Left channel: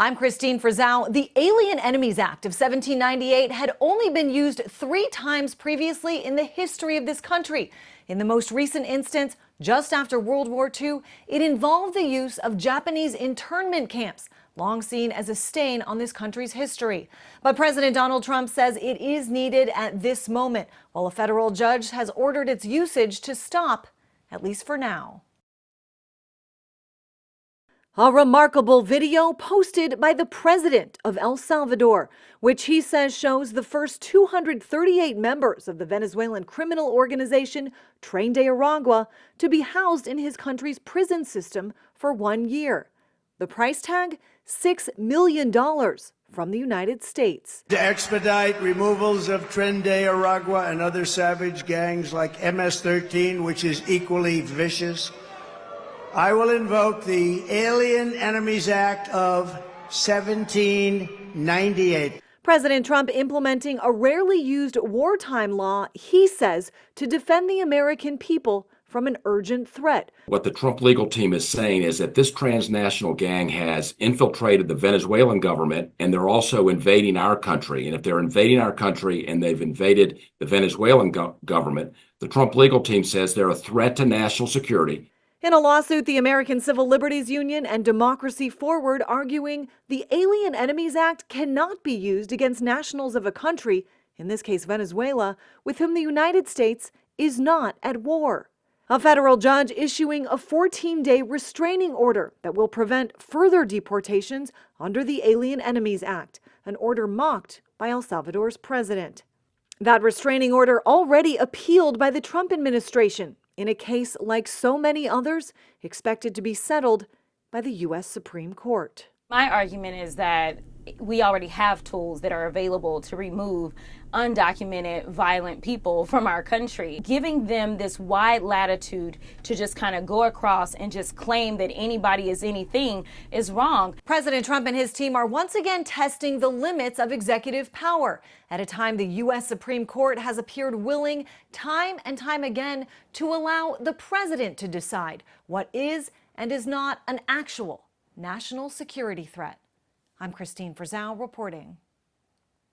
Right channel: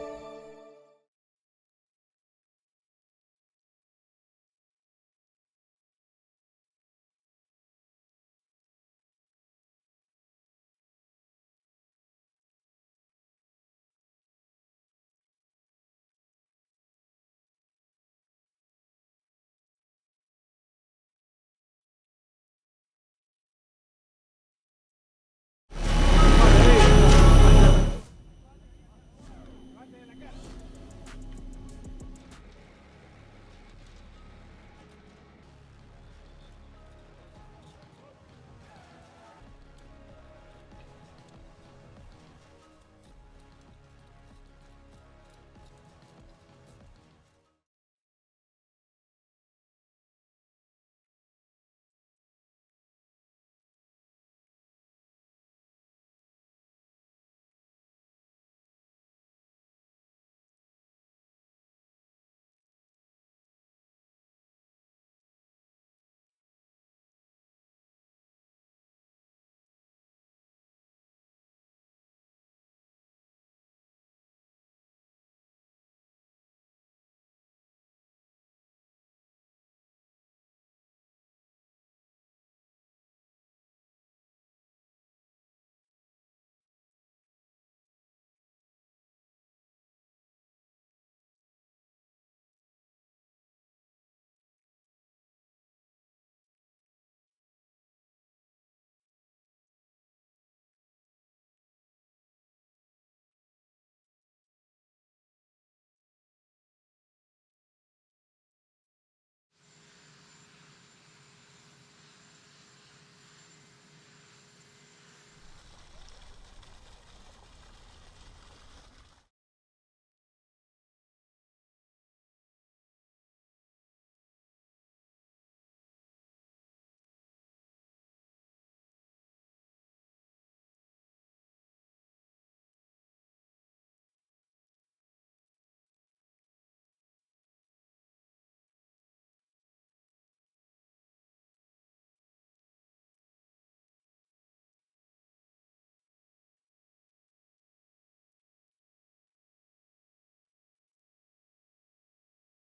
I'm Kristine Frazao. The Alien Enemies Act of 1798 had only been used 3 times previously in the history of this country. In the most recent instance, just after World War II, it involved the use of Japanese internment camps, long seen as a stain on this country's history. But President Donald Trump says it is needed at this moment, while a federal judge has ordered its usage to stop, at least for now. A remarkable video posted by the president of El Salvador, which he says shows the first 238 members of the Venezuelan criminal organization Tren de Aragua to be housed in his country's prison system for 1 year. The price tag, $6 million from the United States. To expedite removals of Tren de Aragua and other savage gangs like MS-13, which is equally vicious, I will invoke the Alien Enemies Act of 1798. President Trump implementing a rarely used wartime law, he says, to defend the American people from an urgent threat. What the Trump legal team is saying is that this transnational gang has infiltrated the Venezuelan government, and they're also invading our country. And if they're invading our country and they've invaded the Venezuelan government, the Trump legal team says they're a threat to national security. In a lawsuit, the American Civil Liberties Union and Democracy Forward arguing the Alien Enemies Act cannot be used against nationals of a country, in this case Venezuela, with whom the United States is not at war. A federal judge issuing a 14-day restraining order that will prevent further deportations under the Alien Enemies Act, an order mocked by El Salvador's president. That restraining order already appealed by the Trump administration in a case like so many others expected to be settled by the U.S. Supreme Court. My argument is that we already have tools that are available to remove undocumented violent people from our country. Giving them this wide latitude to just kind of go across and just claim that anybody is anything is wrong. President Trump and his team are once again testing the limits of executive power at a time the U.S. Supreme Court has appeared willing time and time again to allow the president to decide what is and is not an actual national security threat. I'm Kristine Frazao reporting.